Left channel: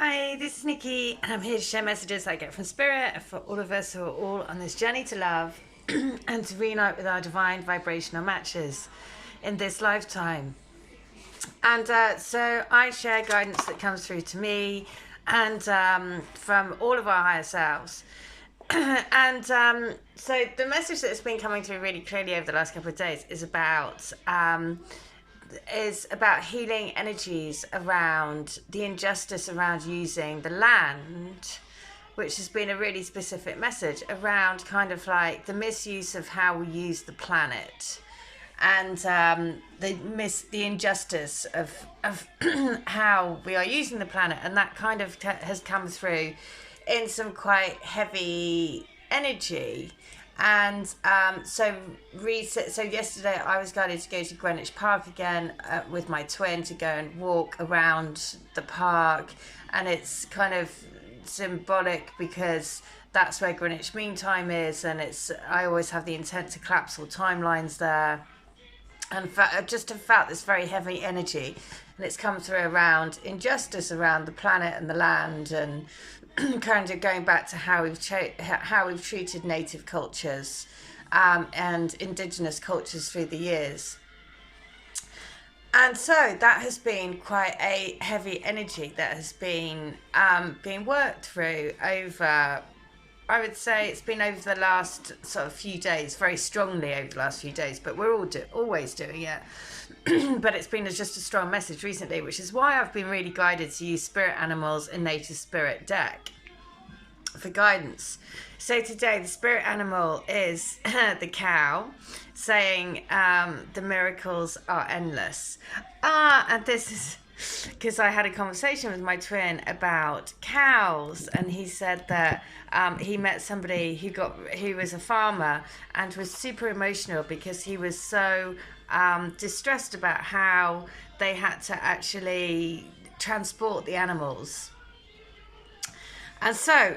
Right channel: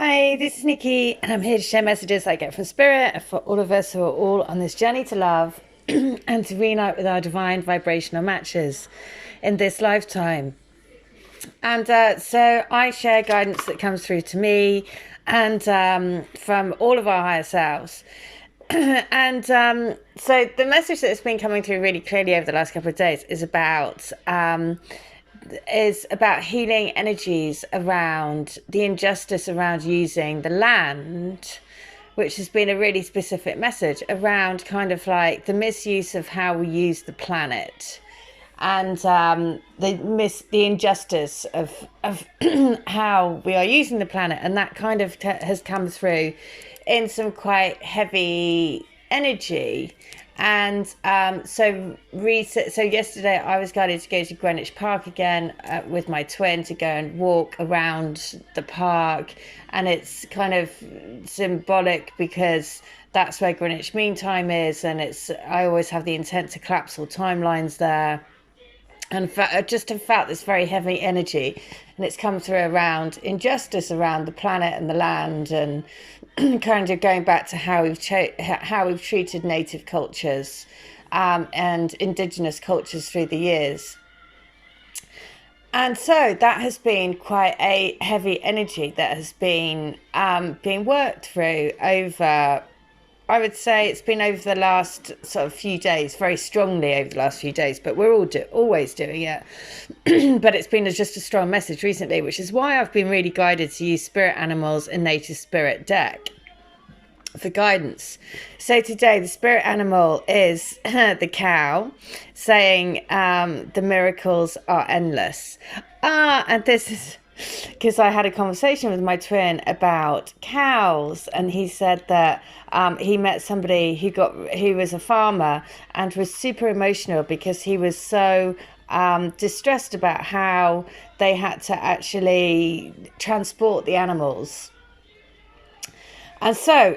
Hi, this is Nikki, and I'm here to share messages I get from Spirit for all of us who are all on this journey to love and to reunite with our divine vibrational matches in this lifetime. And so I share guidance that comes through to me and from all of our higher selves. And so the message that's been coming through really clearly over the last couple of days is about healing energies around the injustice around using the land, which has been a really specific message around kind of like the misuse of how we use the planet, and the injustice of how we are using the planet, and that kind of has come through in some quite heavy energy. And so yesterday I was guided to go to Greenwich Park again with my twin to go and walk around the park, and it's kind of symbolic because that's where Greenwich Mean Time is, and I always have the intent to collapse all timelines there, and I just have felt this very heavy energy, and it's come through around injustice around the planet and the land, and kind of going back to how we've treated native cultures and indigenous cultures through the years. And so that has been quite a heavy energy that has been being worked through over, I would say it's been over the last sort of few days, very strongly over the last few days, but we're always doing it. But it's been just a strong message recently, which is why I've been really guided to use spirit animals and native spirit deck for guidance. So today the spirit animal is the cow, saying the miracles are endless. And this is because I had a conversation with my twin about cows, and he said that he met somebody who was a farmer and was super emotional because he was so distressed about how they had to actually transport the animals. And so,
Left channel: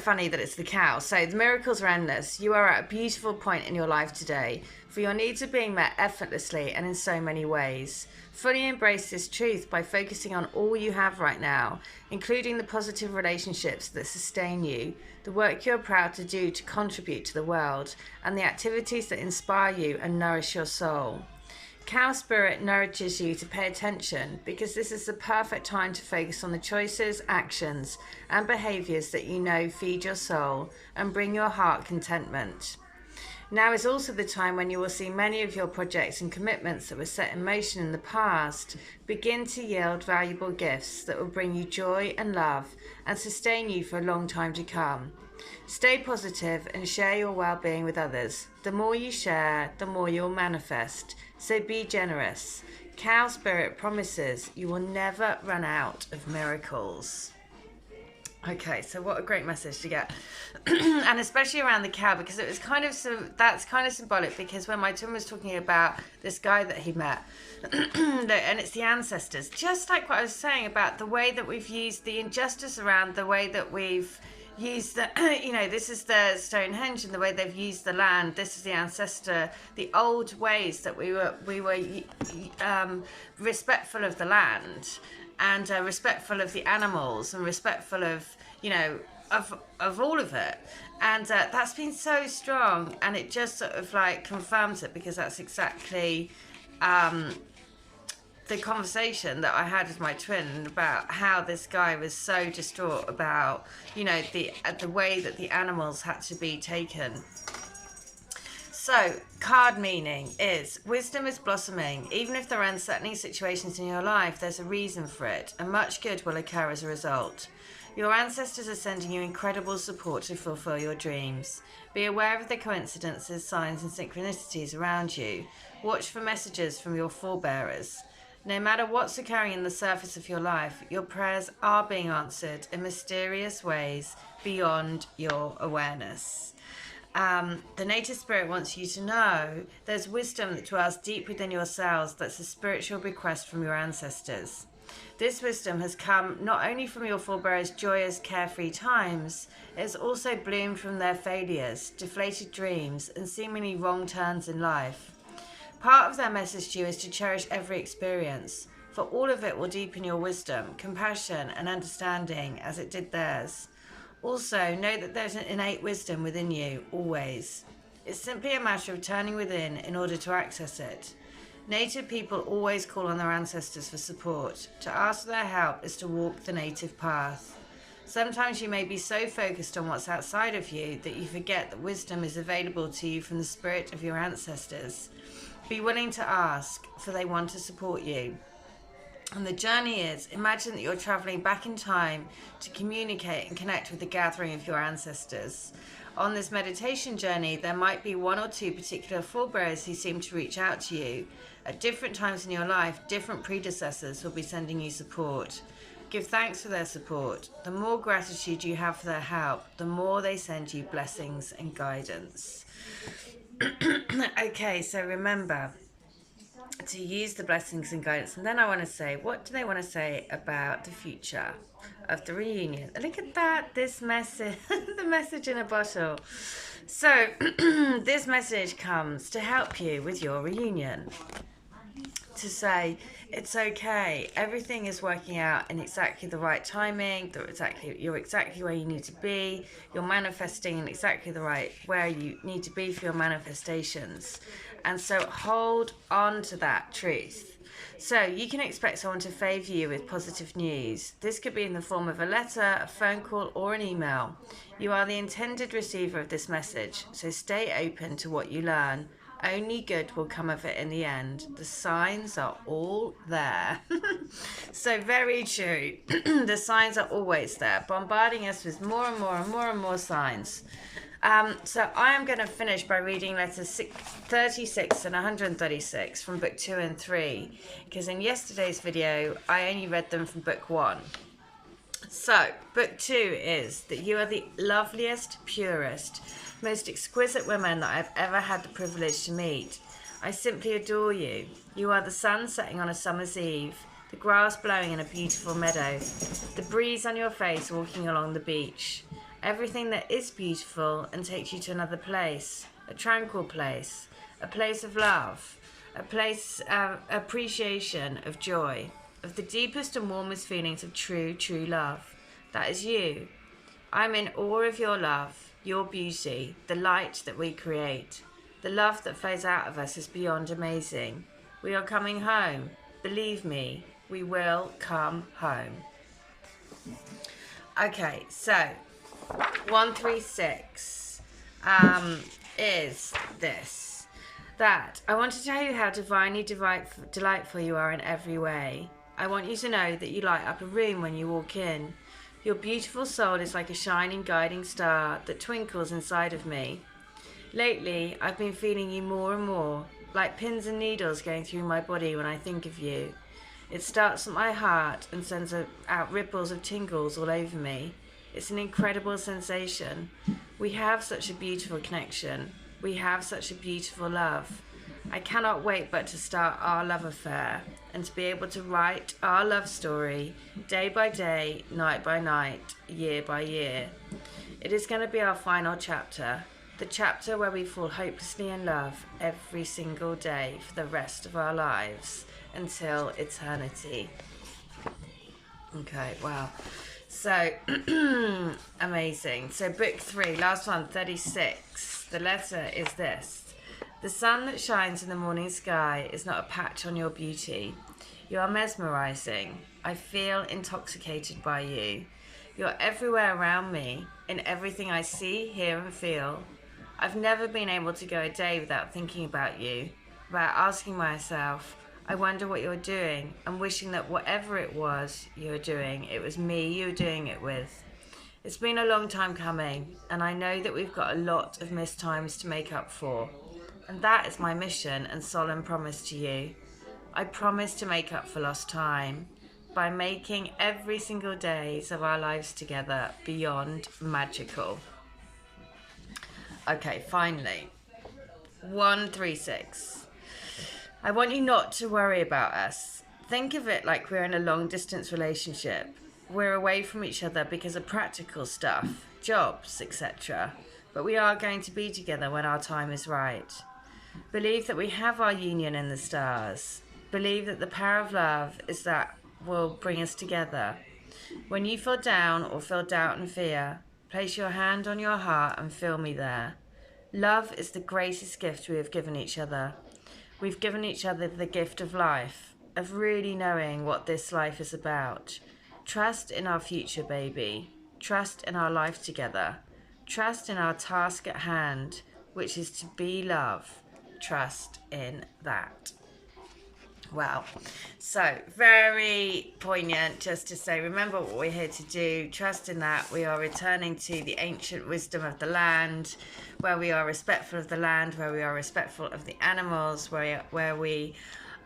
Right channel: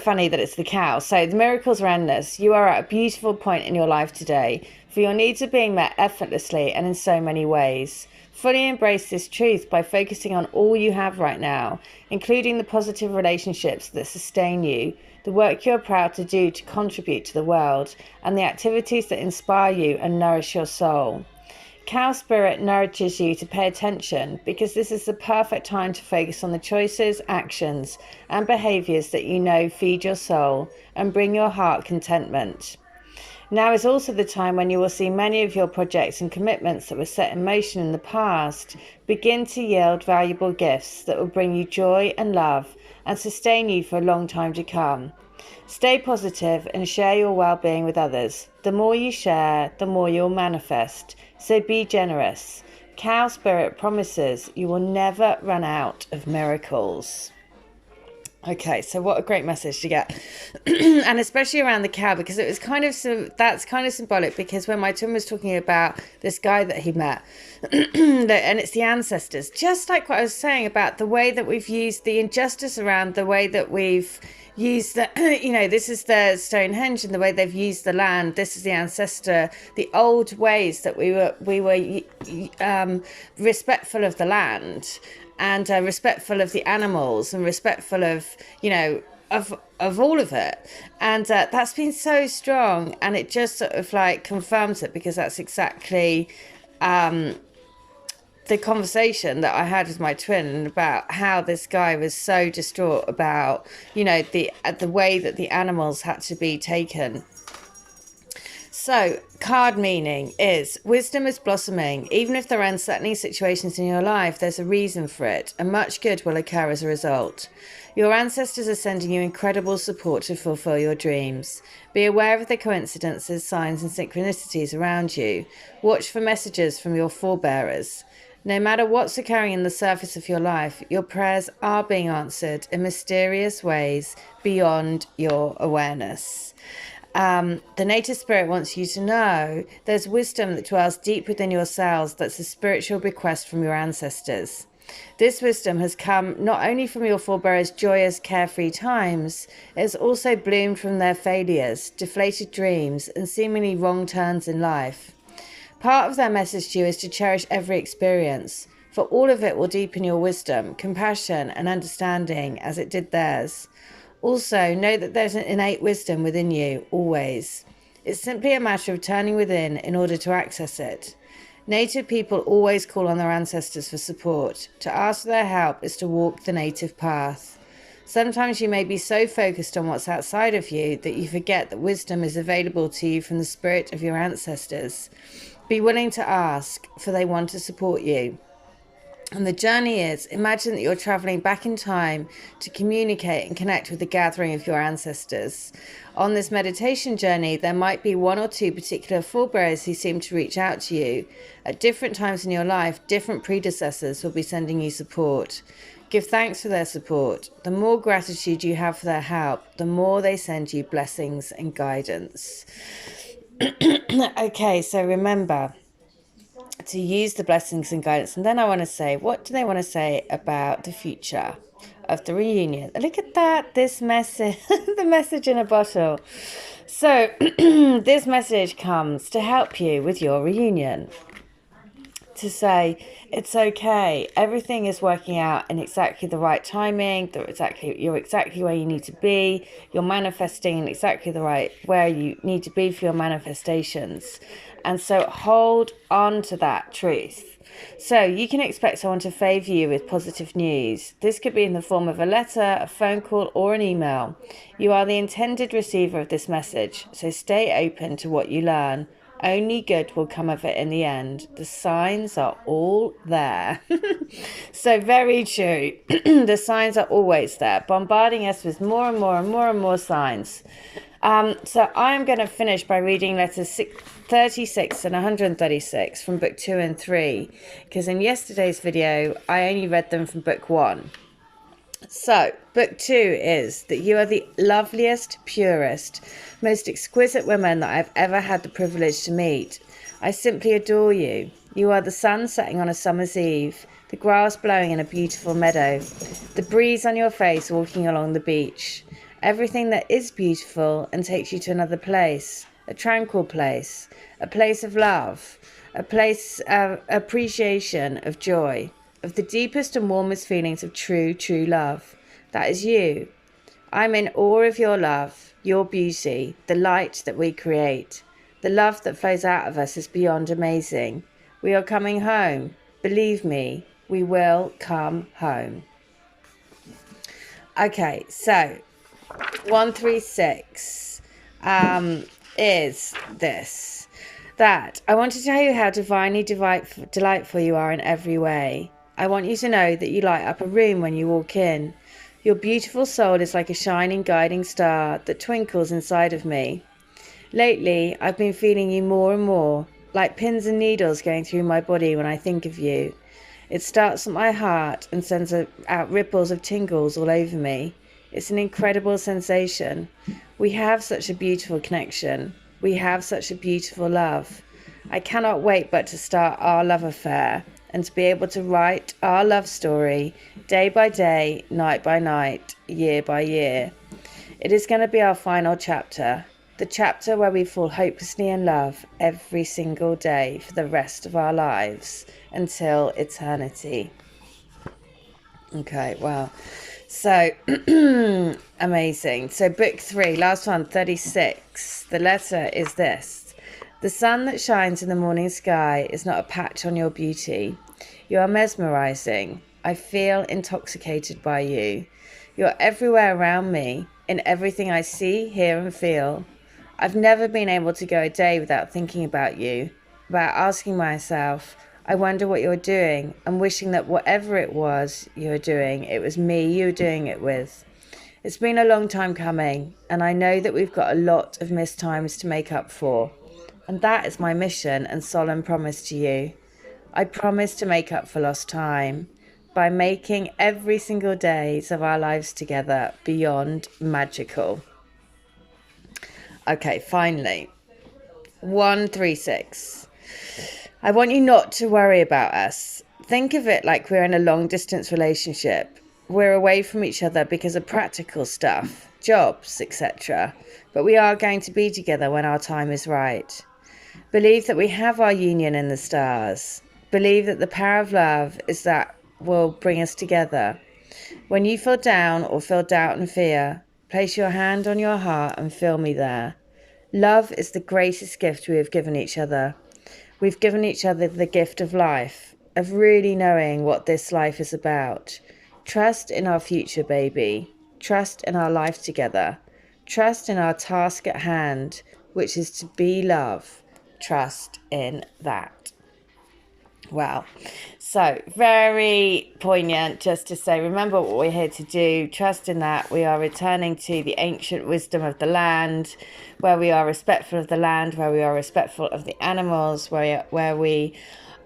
funny that it's the cow. So the miracles are endless. You are at a beautiful point in your life today, for your needs are being met effortlessly and in so many ways. Fully embrace this truth by focusing on all you have right now, including the positive relationships that sustain you, the work you're proud to do to contribute to the world, and the activities that inspire you and nourish your soul. Cow spirit nourishes you to pay attention because this is the perfect time to focus on the choices, actions, and behaviors that you know feed your soul and bring your heart contentment. Now is also the time when you will see many of your projects and commitments that were set in motion in the past begin to yield valuable gifts that will bring you joy and love and sustain you for a long time to come. Stay positive and share your well-being with others. The more you share, the more you'll manifest. So be generous. Cow spirit promises you will never run out of miracles. Okay, so what a great message to get. And especially around the cow, because it was that's kind of symbolic, because when my twin was talking about this guy that he met, and it's the ancestors, just like what I was saying about the way that we've used the injustice around the way that we've used the, this is the Stonehenge and the way they've used the land. This is the ancestor, the old ways that we were respectful of the land, and respectful of the animals, and respectful of of all of it. And that's been so strong, and it just sort of like confirms it, because that's exactly the conversation that I had with my twin about how this guy was so distraught about, the way that the animals had to be taken. So, card meaning is wisdom is blossoming. Even if there are unsettling situations in your life, there's a reason for it, and much good will occur as a result. Your ancestors are sending you incredible support to fulfill your dreams. Be aware of the coincidences, signs, and synchronicities around you. Watch for messages from your forebearers. No matter what's occurring in the surface of your life, your prayers are being answered in mysterious ways beyond your awareness. The native spirit wants you to know there's wisdom that dwells deep within your cells that's a spiritual bequest from your ancestors. This wisdom has come not only from your forebears' joyous, carefree times, it has also bloomed from their failures, deflated dreams, and seemingly wrong turns in life. Part of their message to you is to cherish every experience. for all of it will deepen your wisdom, compassion, and understanding as it did theirs. Also, know that there's an innate wisdom within you, always. It's simply a matter of turning within in order to access it. Native people always call on their ancestors for support. To ask for their help is to walk the native path. Sometimes you may be so focused on what's outside of you that you forget that wisdom is available to you from the spirit of your ancestors. Be willing to ask, for they want to support you. And the journey is, imagine that you're traveling back in time to communicate and connect with the gathering of your ancestors. On this meditation journey, there might be one or two particular forebears who seem to reach out to you. At different times in your life, different predecessors will be sending you support. Give thanks for their support. The more gratitude you have for their help, the more they send you blessings and guidance. Okay, so remember to use the blessings and guidance. And then I want to say, what do they want to say about the future of the reunion? Look at that, this message, the message in a bottle. So this message comes to help you with your reunion. To say, it's okay, everything is working out in exactly the right timing, you're exactly where you need to be, you're manifesting in exactly the right where you need to be for your manifestations. And so hold on to that truth. So you can expect someone to favour you with positive news. This could be in the form of a letter, a phone call, or an email. You are the intended receiver of this message, so stay open to what you learn. Only good will come of it in the end. The signs are all there. So very true. The signs are always there, bombarding us with more and more and more and more signs. So I am going to finish by reading letters 36 and 136 from book 2 and 3, because in yesterday's video I only read them from book 1. So book 2 is that you are the loveliest, purest, most exquisite woman that I've ever had the privilege to meet. I simply adore you. You are the sun setting on a summer's eve, the grass blowing in a beautiful meadow, the breeze on your face walking along the beach. Everything that is beautiful and takes you to another place, a tranquil place, a place of love, a place of appreciation, of joy, of the deepest and warmest feelings of true, true love. That is you. I'm in awe of your love, your beauty, the light that we create. The love that flows out of us is beyond amazing. We are coming home. Believe me, we will come home. Okay, so 136 is this, that I want to tell you how divinely delightful you are in every way. I want you to know that you light up a room when you walk in. Your beautiful soul is like a shining guiding star that twinkles inside of me. Lately, I've been feeling you more and more, like pins and needles going through my body when I think of you. It starts at my heart and sends out ripples of tingles all over me. It's an incredible sensation. We have such a beautiful connection. We have such a beautiful love. I cannot wait but to start our love affair and to be able to write our love story day by day, night by night, year by year. It is going to be our final chapter, the chapter where we fall hopelessly in love every single day for the rest of our lives until eternity. Okay, wow. So, amazing. So book 3, last one, 36. The letter is this. The sun that shines in the morning sky is not a patch on your beauty. You are mesmerizing. I feel intoxicated by you. You're everywhere around me, in everything I see, hear and feel. I've never been able to go a day without thinking about you, about asking myself, I wonder what you're doing, and wishing that whatever it was you were doing, it was me you were doing it with. It's been a long time coming, and I know that we've got a lot of missed times to make up for. And that is my mission and solemn promise to you. I promise to make up for lost time by making every single days of our lives together beyond magical. Okay, finally, 136. I want you not to worry about us. Think of it like we're in a long-distance relationship. We're away from each other because of practical stuff, jobs, etc. But we are going to be together when our time is right. Believe that we have our union in the stars. Believe that the power of love is that will bring us together. When you feel down or feel doubt and fear, place your hand on your heart and feel me there. Love is the greatest gift we have given each other. We've given each other the gift of life, of really knowing what this life is about. Trust in our future, baby. Trust in our life together. Trust in our task at hand, which is to be love. Trust in that. Wow. So, very poignant just to say, remember what we're here to do. Trust in that. We are returning to the ancient wisdom of the land, where we are respectful of the land, where we are respectful of the animals, where we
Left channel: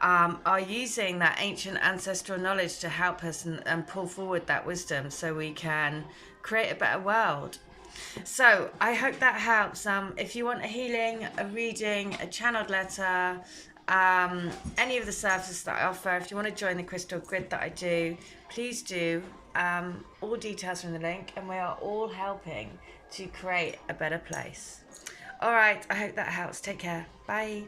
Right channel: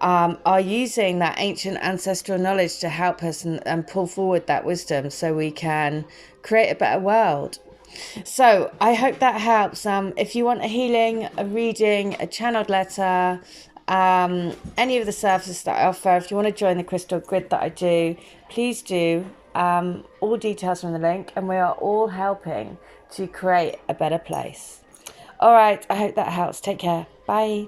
are using that ancient ancestral knowledge to help us and pull forward that wisdom so we can create a better world. So I hope that helps. If you want a healing, a reading, a channeled letter, any of the services that I offer, if you want to join the crystal grid that I do, please do. All details from the link, and we are all helping to create a better place. All right, I hope that helps. Take care. Bye.